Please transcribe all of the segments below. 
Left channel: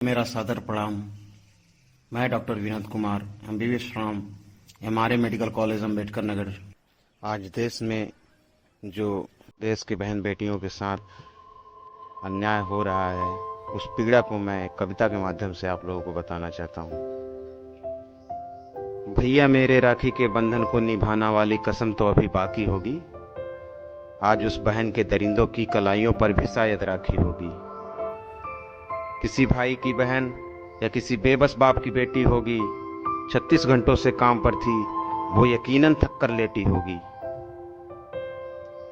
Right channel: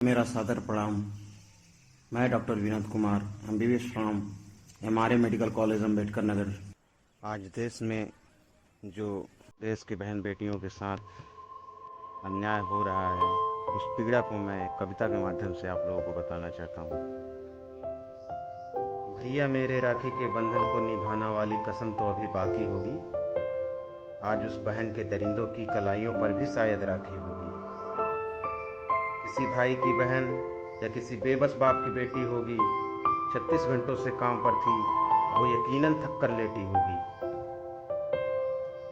मेरा सादर प्रणाम। मैं doctor Vinod Kumar, MBBS from MRA medical college Ambedkar Nagar. आज देश में जो देश की बहन बेटियों के साथ अन्याय हो रहा है, उस पीड़ा को मैं एक कविता के माध्यम से आप लोगों को बताना चाहता हूँ। भैया मेरे राखी के बंधन को निभाना वाली कसम तो अभी बाकी होगी। आज उस बहन के दरिंदों की कलाइयों पर भी शायद राखी होगी। किसी भाई की बहन या किसी बेबस बाप की बेटी होगी, 36 घंटों से काम पर थी, वो यकीनन थक कर लेटी होगी।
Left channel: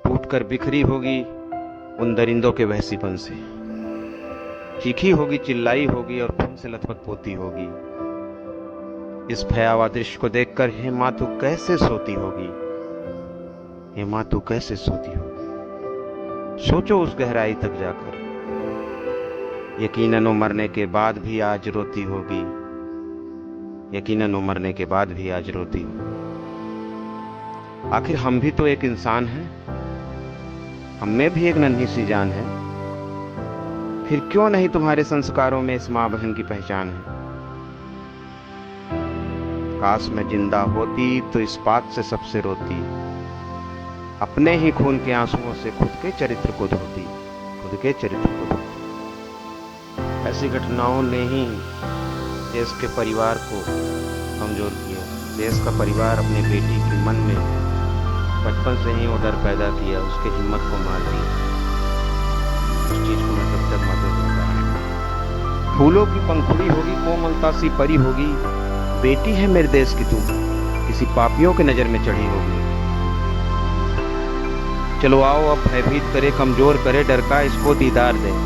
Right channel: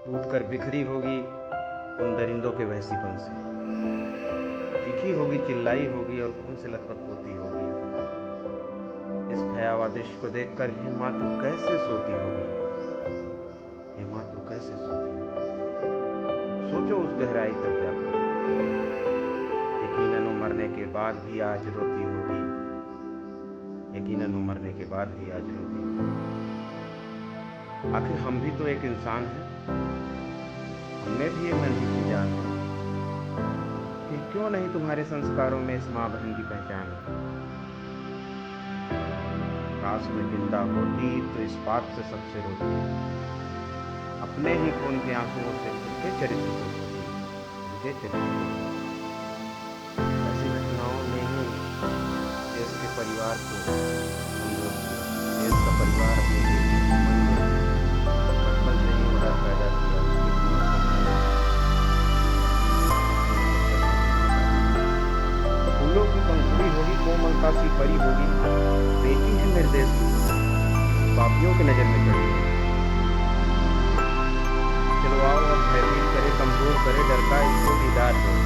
टूट कर बिखरी होगी उन दरिंदों के वहसीपन से, चीखी होगी, चिल्लाई होगी और खून से लथपथ पोती होगी। इस भयावह दृश्य को देखकर हे माँ तू कैसे सोती होगी, हे माँ तू कैसे सोती होगी। सोचो उस गहराई तक जाकर, यकीनन वो मरने के बाद भी आज रोती होगी, यकीनन वो मरने के बाद भी आज रोती होगी। आखिर हम भी तो एक इंसान हैं, हम में भी एक नन्ही सी जान है। फिर क्यों नहीं तुम्हारे संस्कारों में इस माँ बहन की पहचान है। काश मैं जिंदा होती तो इस बात से सबसे रोती, अपने ही खून के आंसुओं से खुद के चरित्र को धोती, खुद के चरित्र को धोती। ऐसी घटनाओं ने ही देश के परिवार को कमजोर किया। देश का परिवार अपनी बेटी के मन में बचपन से ही वो डर पैदा किया, उसकी हिम्मत को मार दिया। उस चीज को मैं तब तक मालूम नहीं। फूलों की पंखुड़ी होगी, कोमलता सी परी होगी, बेटी है मेरे देश की तू, किसी पापियों के नजर में चढ़ी होगी। चलो आओ अब भयभीत करे, कमजोर करे डर का इसको दीदार दे।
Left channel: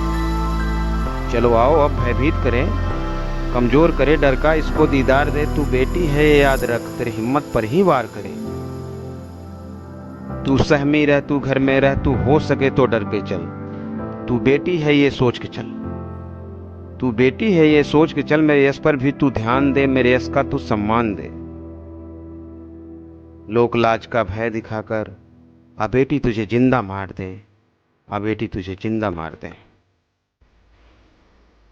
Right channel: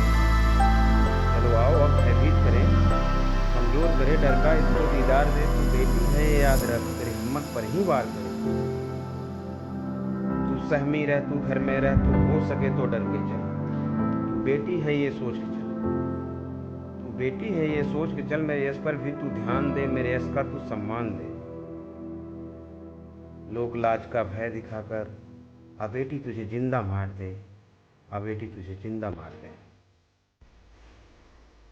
चलो आओ अब भयभीत करें, कमजोर करे डर का इसको दीदार दे। तू बेटी है ये याद रख, तेरी हिम्मत पर ही वार करे। तू सहमी रह, तू घर में रह, तू हो सके तो डर के चल। तू बेटी है ये सोच के चल, तू बेटी है ये सोच के चल। मेरे यश पर भी तू ध्यान दे, मेरे यश का तू सम्मान दे। लोक लाज का भय दिखाकर आ बेटी तुझे जिंदा मार दे, आ बेटी तुझे जिंदा मार दे।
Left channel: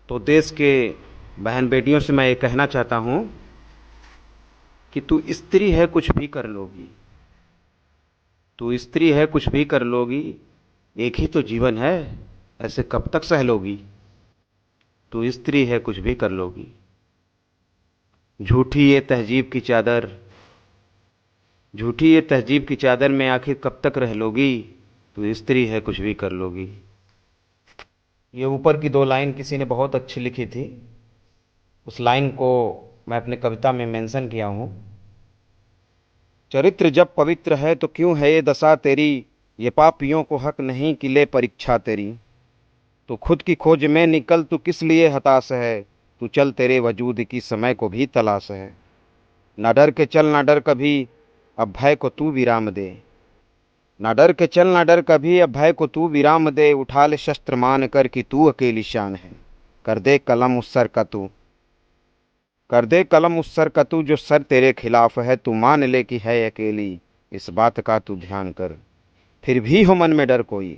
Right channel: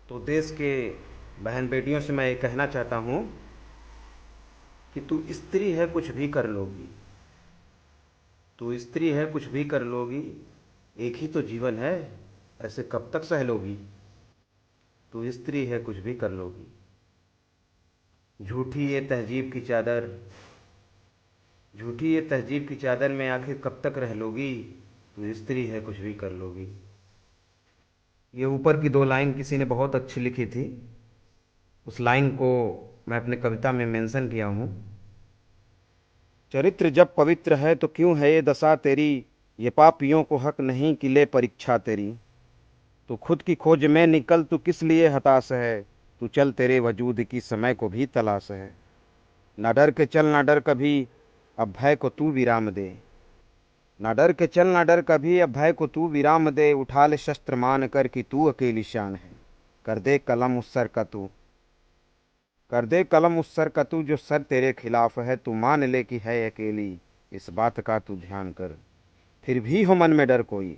तो देश के बहन बेटियों से मैं ये कहना चाहता हूं कि तू स्त्री है कुछ भी कर लोगी, तू स्त्री है कुछ भी कर लोगी, एक ही तो जीवन है ऐसे कब तक सह लोगी। तू स्त्री है कुछ भी कर लोगी। झूठी ये तहजीब की चादर, झूठी ये तहजीब की चादर में आखिर कब तक रह लोगी। तू स्त्री है कुछ भी कर लोगी। ये ऊपर की दो लाइन किसी ने बहुत अच्छी लिखी थी, उस लाइन को मैं अपने कविता में मेंशन किया हूं। चरित्र जब पवित्र है तो क्यों है ये दशा तेरी, ये पापियों को हक नहीं कि ले परीक्षा तेरी। तू खुद की खोज में निकल, तू किस लिए हताश है, तू चल तेरे वजूद की समय को भी तलाश है। ना डर के चल ना डर कभी, अब भय को तू विराम दे। ना डर के चल ना डर कभी, अब भय को तू विराम दे। उठा ले शस्त्र मान कर कि तू अकेली शान है, कर दे कलम उस सर का तू, कर दे कलम उस सर का तू जो सर तेरे खिलाफ है। तू मान ले कि है अकेली, इस बात का तू ध्यान कर। फिर भी हो मन में डर कोई,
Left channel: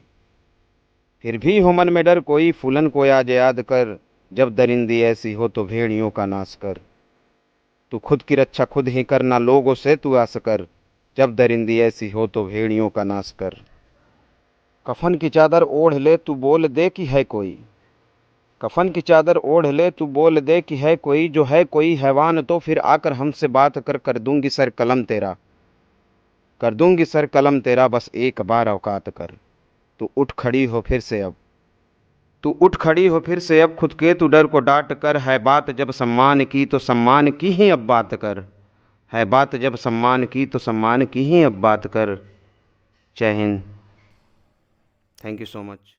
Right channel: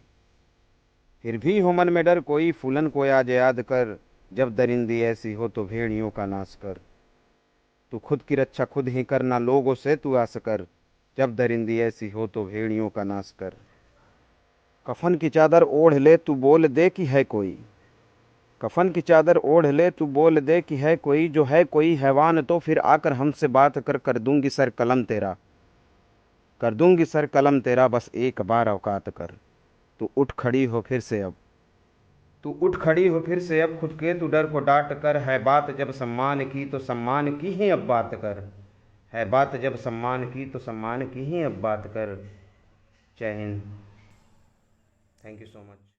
फिर भी हो मन में डर कोई, फूलन को आज याद कर। जब दरिंदी ऐसी हो तो भेड़ियों का नाश कर। तू खुद की रक्षा खुद ही कर, ना लोगों से तू आस कर। जब दरिंदी ऐसी हो तो भेड़ियों का नाश कर। कफन की चादर ओढ़ ले, तू बोल दे कि है कोई, कफन की चादर ओढ़ ले, तू बोल दे कि है कोई। जो है कोई हैवान तो फिर आकर हमसे बात कर, कर दूंगी सर कलम तेरा, कर दूंगी सर कलम तेरा। बस एक बार औकात कर। तू उठ खड़ी हो फिर से अब, तू उठ खड़ी हो फिर से अब, खुद के तू डर को डांट कर। है बात जब सम्मान की तो सम्मान की ही अब बात कर, है बात जब सम्मान की तो सम्मान की ही अब बात कर। जय Hind. Thank you so much.